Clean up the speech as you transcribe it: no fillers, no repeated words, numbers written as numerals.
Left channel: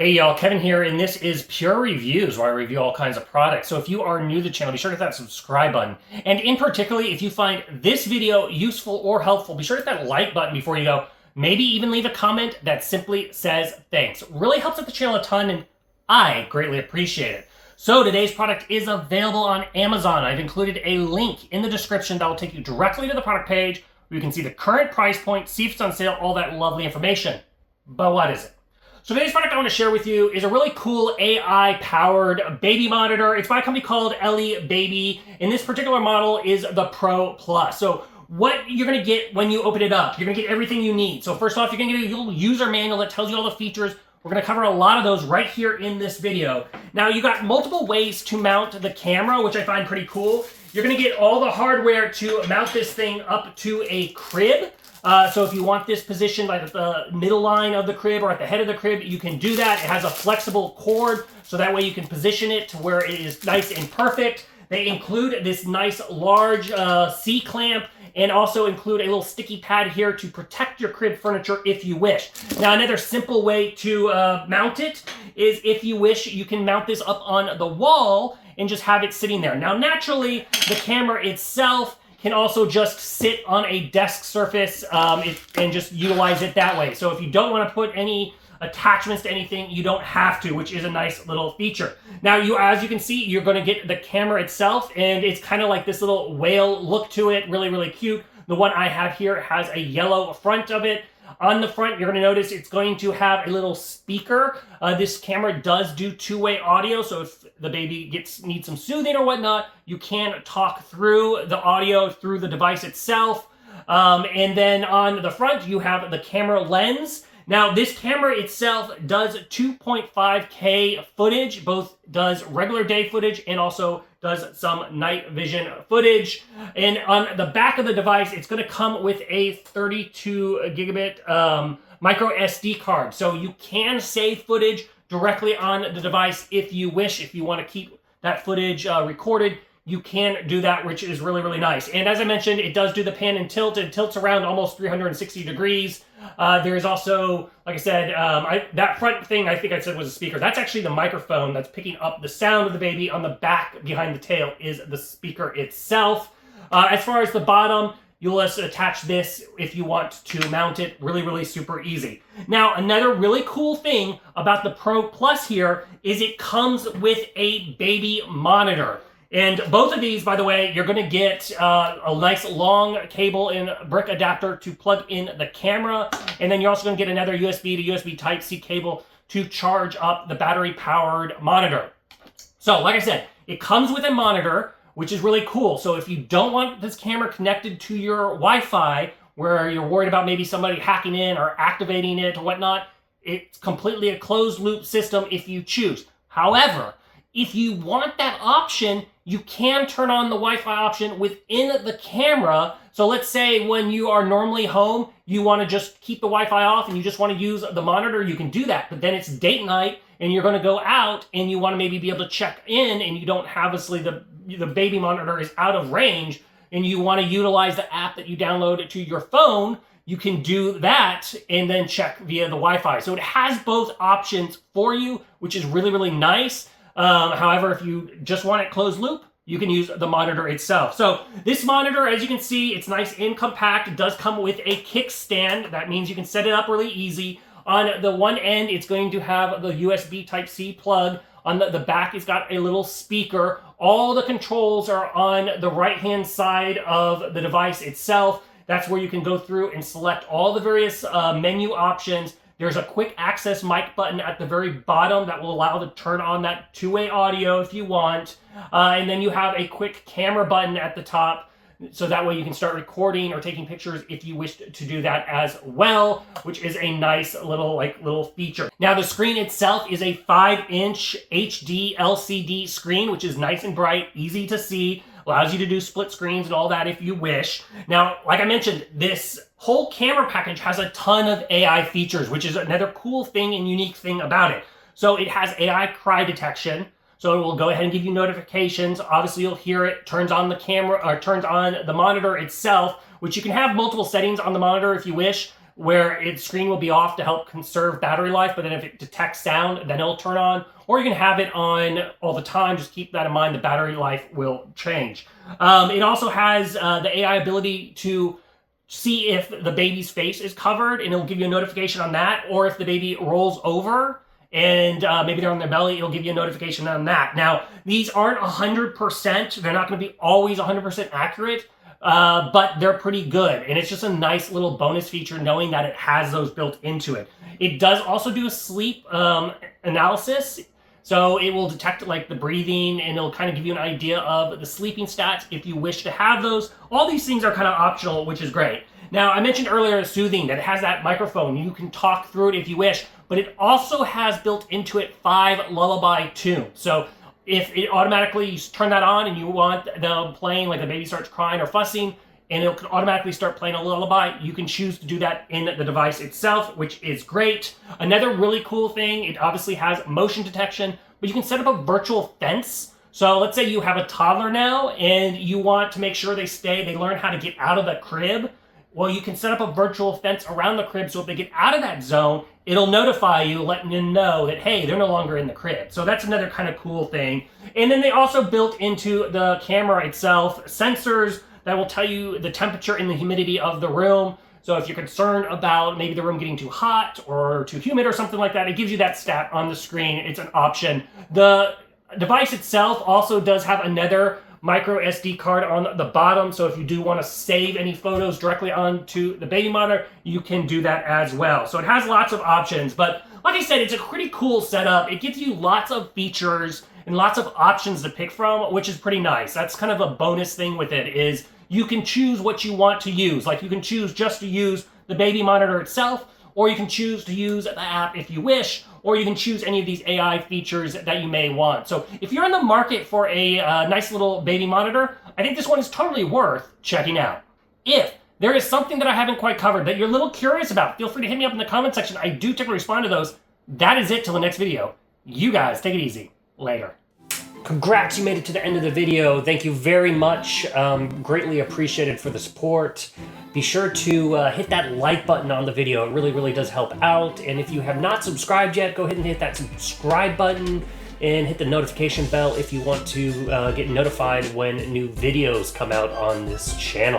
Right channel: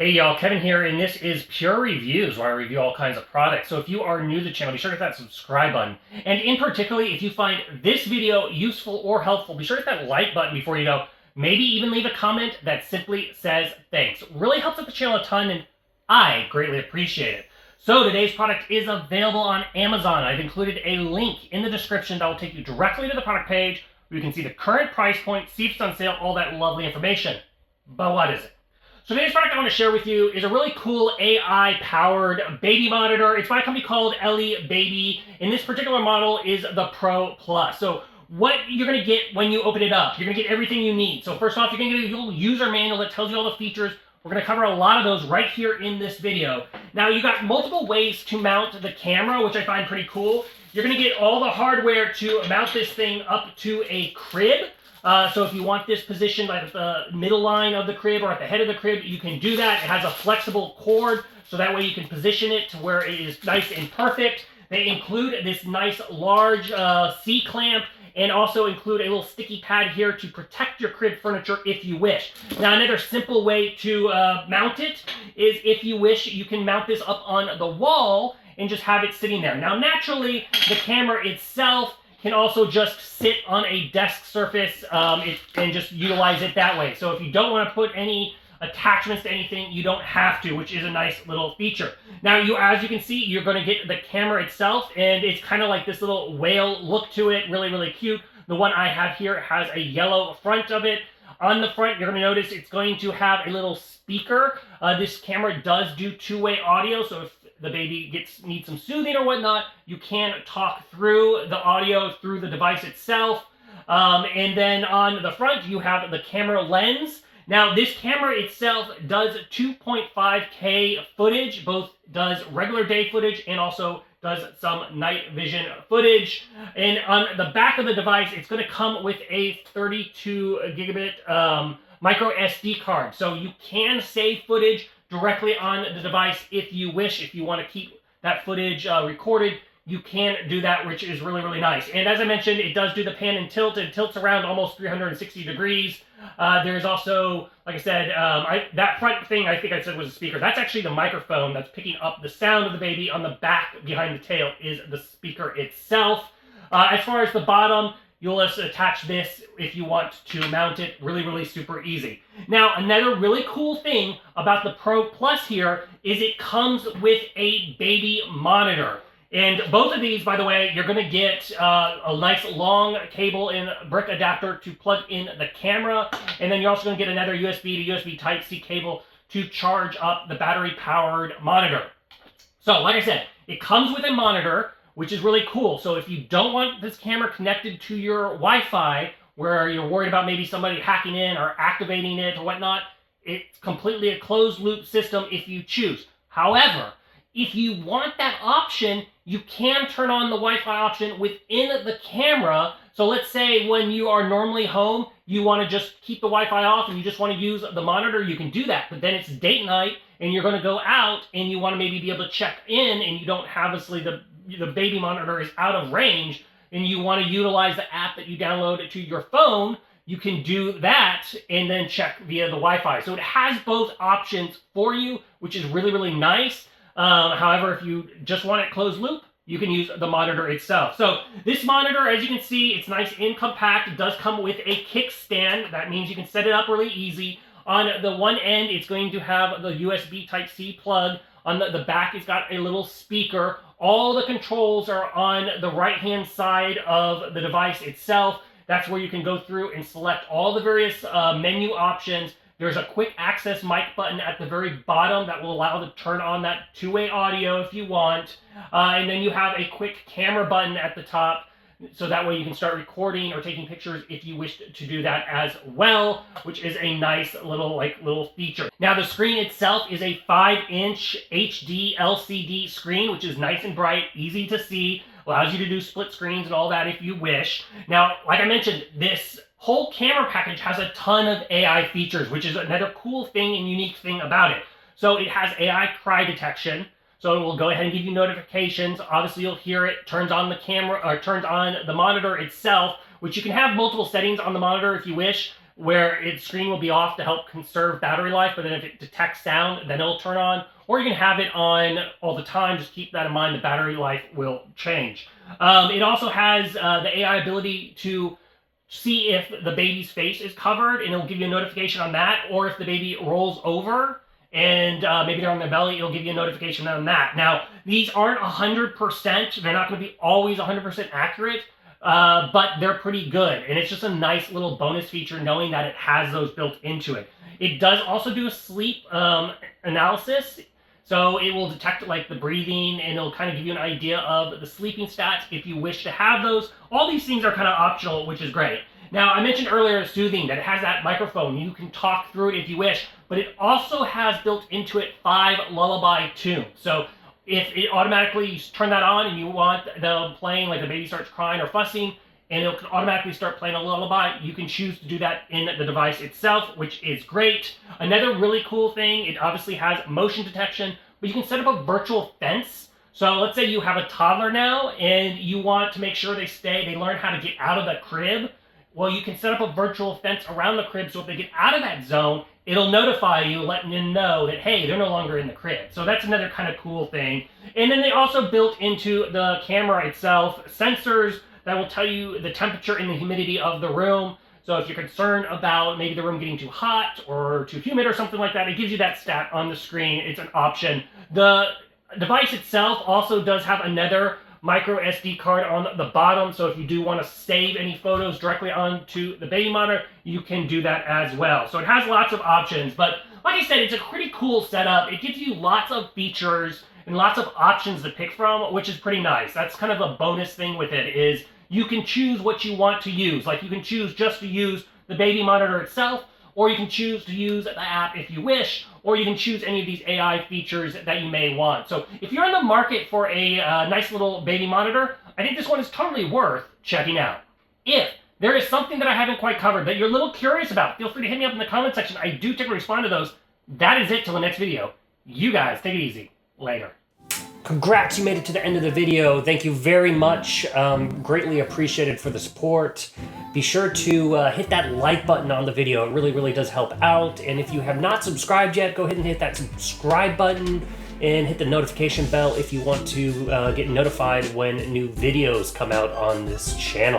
Hey y'all, Kevin here, and this is Pure Reviews, where I review all kinds of products. So if you are new to the channel, be sure to hit that subscribe button. And in particularly, if you find this video useful or helpful, be sure to hit that like button before you go. Maybe even leave a comment that simply says thanks. It really helps out the channel a ton, and I greatly appreciate it. So today's product is available on Amazon. I've included a link in the description that will take you directly to the product page, where you can see the current price point, see if it's on sale, all that lovely information. But what is it? So today's product I want to share with you is a really cool AI-powered baby monitor. It's by a company called Ellie Baby, and this particular model is the Pro Plus. So what you're going to get when you open it up, you're going to get everything you need. So first off, you're going to get a little user manual that tells you all the features. We're going to cover a lot of those right here in this video. Now, you got multiple ways to mount the camera, which I find pretty cool. You're going to get all the hardware to mount this thing up to a crib. So if you want this positioned like at the middle line of the crib or at the head of the crib, you can do that. It has a flexible cord, so that way you can position it to where it is nice and perfect. They include this nice large C-clamp and also include a little sticky pad here to protect your crib furniture if you wish. Now, another simple way to mount it is, if you wish, you can mount this up on the wall and just have it sitting there. Now, naturally, the camera itself can also just sit on a desk surface and just utilize it that way. So if you don't want to put any attachments to anything, you don't have to, which is a nice little feature. Now, as you can see, you're going to get the camera itself, and it's kind of like this little whale look to it, really, really cute. The one I have here has a yellow front of it. On the front, you're going to notice it's going to have a little speaker. This camera does do two-way audio, so if the baby needs some soothing or whatnot, you can talk through the audio through the device itself. And then on the front, you have the camera lens. Now, this camera itself does 2.5K footage, both does regular day footage and also does some night vision footage. And on the back of the device, it's going to come with a 32 gigabit micro SD card. So you can save footage directly on the device if you wish. If you want to keep that footage recorded, you can do that, which is really, really nice. And as I mentioned, it does do the pan and tilt. It tilts around almost 360 degrees. There is also, like I said, that front thing I think I said was a speaker. That's actually the microphone that's picking up the sound of the baby. On the back behind the tail is the speaker itself. As far as the bottom, you'll just attach this if you want to mount it. Really, really super easy. Now, another really cool thing about the Pro Plus here is it comes with a baby monitor. And both of these, by the way, you're going to get a nice long cable and brick adapter to plug in the camera. And then you're also going to get another USB to USB Type-C cable to charge up the battery-powered monitor. So, like I said, it comes with a monitor, which is really cool. So if you don't want this camera connected to your Wi-Fi, where you're worried about maybe somebody hacking in or activating it or whatnot, it's completely a closed-loop system if you choose. However, if you want that option, you can turn on the Wi-Fi option within the camera. So let's say when you are normally home, you want to just keep the Wi-Fi off and you just want to use the monitor, you can do that. But then it's date night and you're going to go out and you want to maybe be able to check in, and you don't have, obviously, the baby monitor is out of range, and you want to utilize the app that you download to your phone, you can do that and then check via the Wi-Fi. So it has both options for you, which is really, really nice. However, if you just want it closed loop, you can use the monitor itself. So this monitor, as you can see, it's nice and compact. It does come with a kickstand. That means you can set it up really easy. On the one end, it's going to have the USB Type-C plug. On the back, it's got a little speaker. All the controls are on the right-hand side of the device itself. That's where you can go through and select all the various menu options. There's a quick access mic button at the very bottom that will allow to turn on that two-way audio if you want. And then you have a quick camera button at the top, so that way you can start recording or taking pictures if you wish to do that as well, which is a nice little feature. Now, the screen itself is a 5-inch HD LCD screen, which is nice and bright, easy to see, allows you to do split screens and all that if you wish. Now, like I mentioned, this whole camera package has a ton of AI features, which is another cool thing and unique thing about it. So it has AI cry detection. So it will go ahead and give you notifications. Obviously, you'll hear it, turns on the camera, or turns on the monitor itself, which you can have multiple settings on the monitor if you wish. where its screen will be off to help conserve battery life, but then if it detects sound, then it'll turn on. Or you can have it on all the time. Just keep that in mind. The battery life will change. It also has the AI ability to see if the baby's face is covered, and it'll give you a notification on that, or if the baby rolls over and maybe they're on their belly, it'll give you a notification on that. Now, these aren't 100%. They're not going to be always 100% accurate, but they're pretty good. And it's just a nice little bonus feature knowing that it has those built into it. It does also do a sleep analysis. So it will detect like the breathing, and it'll kind of give you an idea of the sleeping stats if you wish to have those. All these things are kind of optional, which is great. Now, I mentioned earlier soothing, that it has that microphone. You can talk through it if you wish, but it also has built into it 5 lullaby tunes. So if it automatically, you turn that on and you want them playing, like the baby starts crying or fussing, and it'll automatically start playing a lullaby, you can choose to do that in the device itself, which is great. Another really cool thing, it obviously has motion detection, but you can set up a virtual fence. So let's say you have a toddler now and you want to make sure they learn how to get out of the crib. Well, you can set up a virtual fence around the crib, so if they get out of that zone, it'll notify you, letting you know that, hey, they're no longer in the crib. So that's another kind of cool thing. And then they also built into the camera itself sensors that will tell you the temperature and the humidity of the room. So if you're concerned about maybe the room getting too hot or too humid or something like that, it gives you that stat on the screen. It's an option. The device itself also does have another micro SD card on the bottom, so if you do want to save any photos directly onto the baby monitor, you can do that as well. So it has lots of options, but like I said, it's a pretty cool setup. It gives you lots of features and lots of options to pick from, which is pretty nice. That's kind of a bonus thing with it, is you can choose what you want to use. Like you can choose just to use the baby monitor itself, or you can choose to use the app if you wish, or you can choose any of these AI features that you may want. So if you're in the market for a nice little baby monitor, I think this one is totally worth checking out. If there is something that I haven't quite covered that you're a little curious about, feel free to hit me up in the comment section. I do typically respond to those. That is it till the next video. You guys take it easy. Later. Congrats, you made it to the end of the video. Thank you very much. Greatly appreciated for the support. Be sure to hit that like button on the video. It really, really does help out. And if you have not subscribed yet, go ahead and hit that subscribe button and hit the notification bell if you want to get notified when new videos come out on this channel.